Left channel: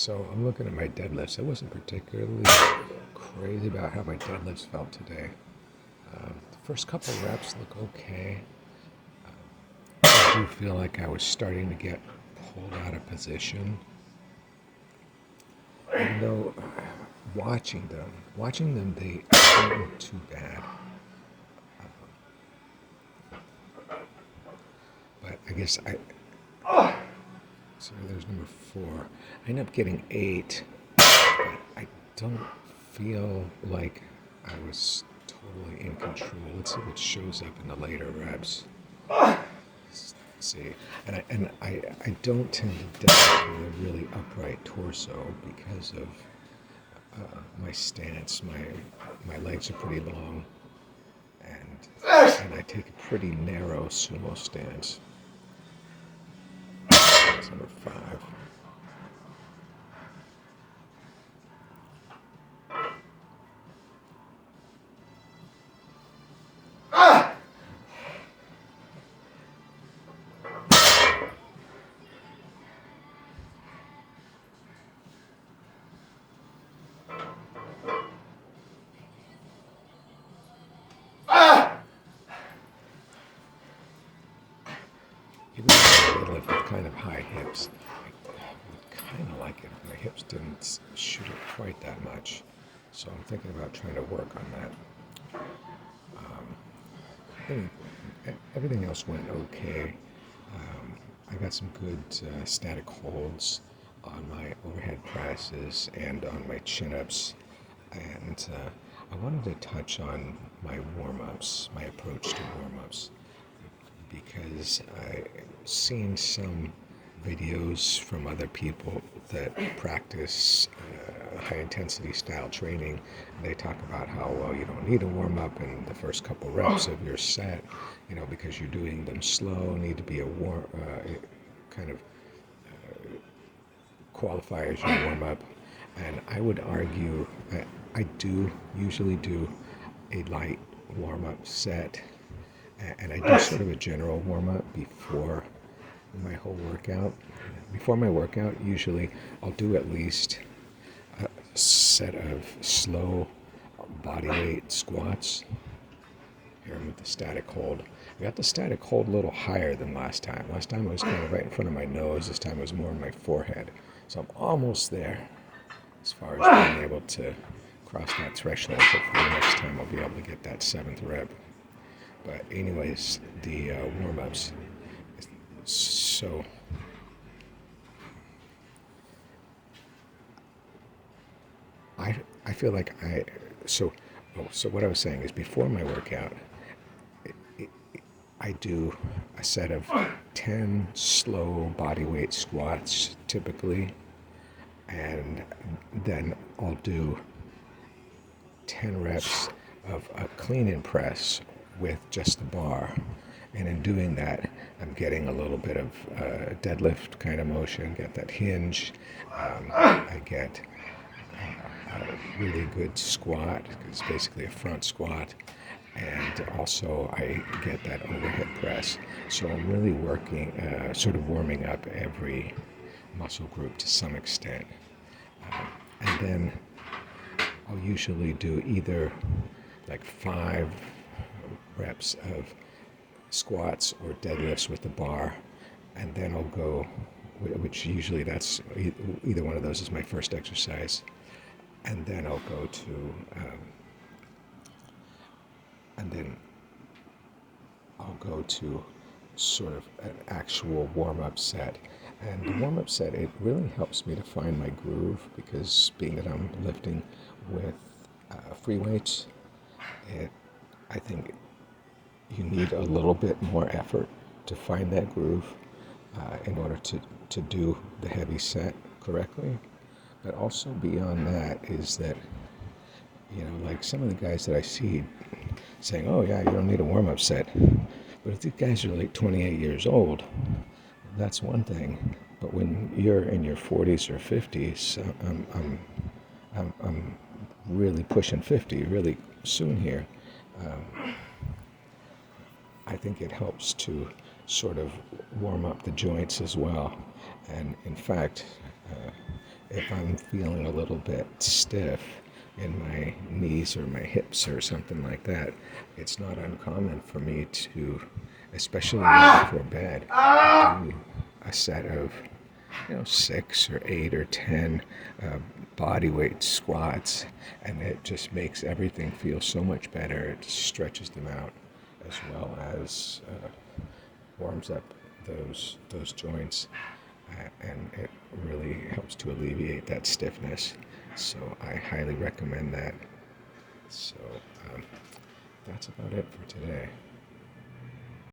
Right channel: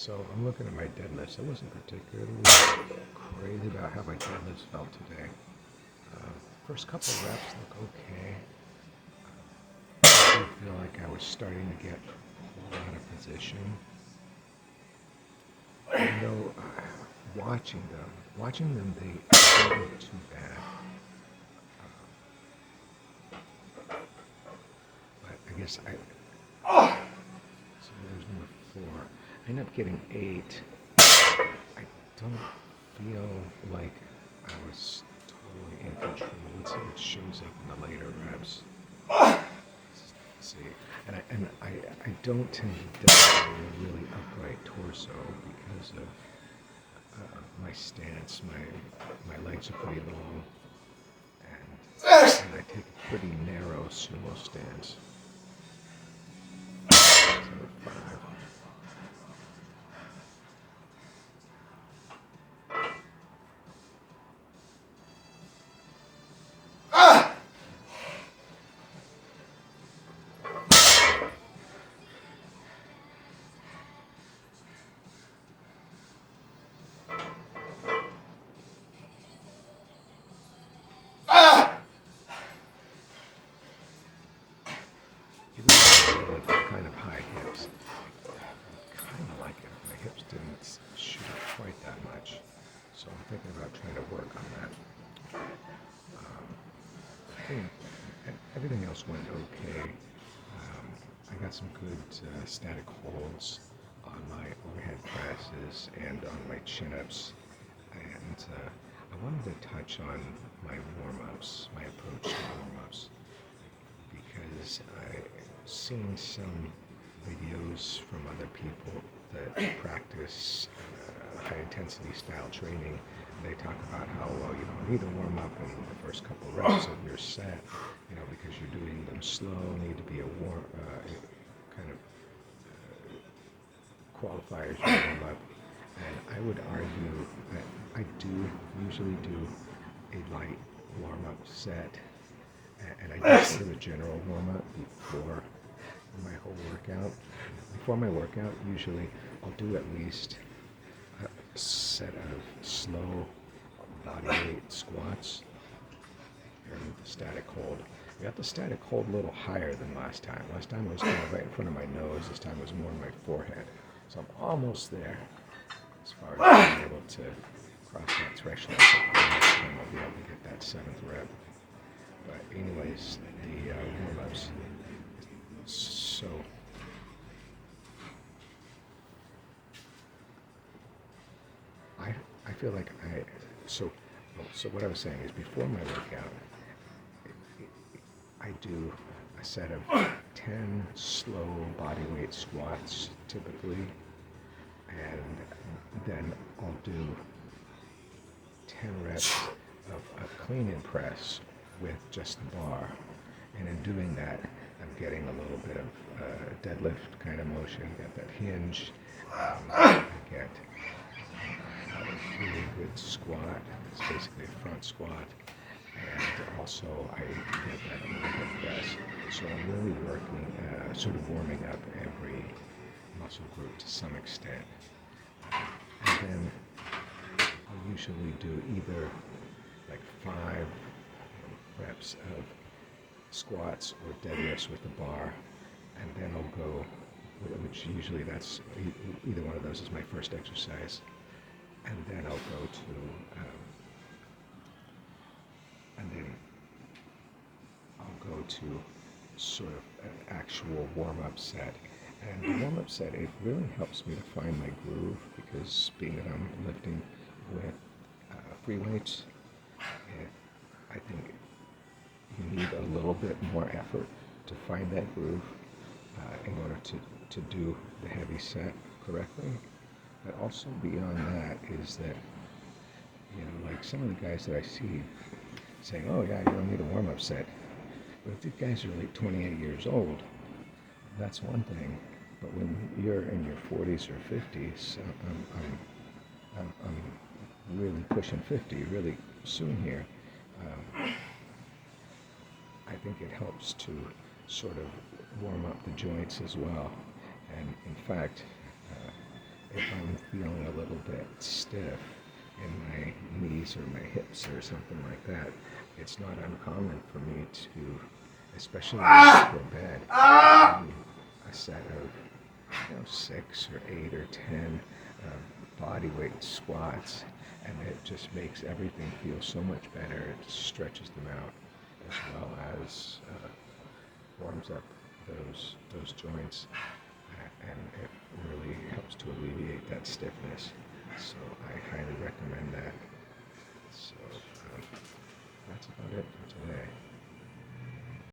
So I'm looking at my deadlifts. I wasn't particularly crazy about how my deadlifts felt today. The first couple reps look okay. I do feel like I was starting to get pulled out of position. You know, watching them, they don't look too bad. But I guess so there's number 4. I end up getting 8. I don't feel like I was totally in control. Let's see what shows up in the later reps. Let's see, and I don't tend to develop a really upright torso because of my stance. My legs are pretty long, and I take a pretty narrow snow stance. That's number 5. Even though I did like kind of high hips, I kind of like it. My hips didn't shoot it quite that much, so I'm thinking about trying to work on that. I think everything else went okay. I got some good static holds on my overhead presses and on my chin-ups, and I wanted to touch on my warm-ups, my approach to warm-ups, because I've seen some videos from other people that practice high intensity style training. They talk about how, well, you don't need to warm up in the first couple reps of your set, because you're doing them slow, need to be a kind of qualifiers you warm up. And I would argue that I do usually do a light warm up set, and I do sort of a general warm up before my whole workout. Before my workout, usually I'll do at least a set of slow body weight squats here with the static hold. I got the static hold a little higher than last time. Last time I was kind of right in front of my nose. This time it was more on my forehead. So I'm almost there as far as being able to cross that threshold. Hopefully next time I'll be able to get that 7th rep. But anyways, the warm-ups. So I feel like so what I was saying is before my workout, I do a set of 10 slow body weight squats typically, and then I'll do 10 reps of a clean and press with just the bar. And in doing that, I'm getting a little bit of deadlift kind of motion, get that hinge. I get a really good squat. It's basically a front squat. And also I get that overhead press. So I'm really working, sort of warming up every muscle group to some extent. And then I'll usually do either like 5 reps of squats or deadlifts with the bar, and then I'll go, which usually that's either one of those is my first exercise, and then I'll go to, sort of an actual warm-up set. And the warm-up set, it really helps me to find my groove, because being that I'm lifting with free weights, I think you need a little bit more effort to find that groove in order to do the heavy set correctly. But also beyond that is that, like some of the guys that I see saying, oh yeah, you don't need a warm-up set. But if these guys are like 28 years old, that's one thing. But when you're in your 40s or 50s, I'm really pushing 50 really soon here. I think it helps to sort of warm up the joints as well. And in fact, if I'm feeling a little bit stiff in my knees or my hips or something like that, it's not uncommon for me to, especially before bed, do a set of 6 or 8 or 10 body weight squats, and it just makes everything feel so much better. It stretches them out as well as warms up those joints, and it really helps to alleviate that stiffness. So I highly recommend that. So that's about it for today.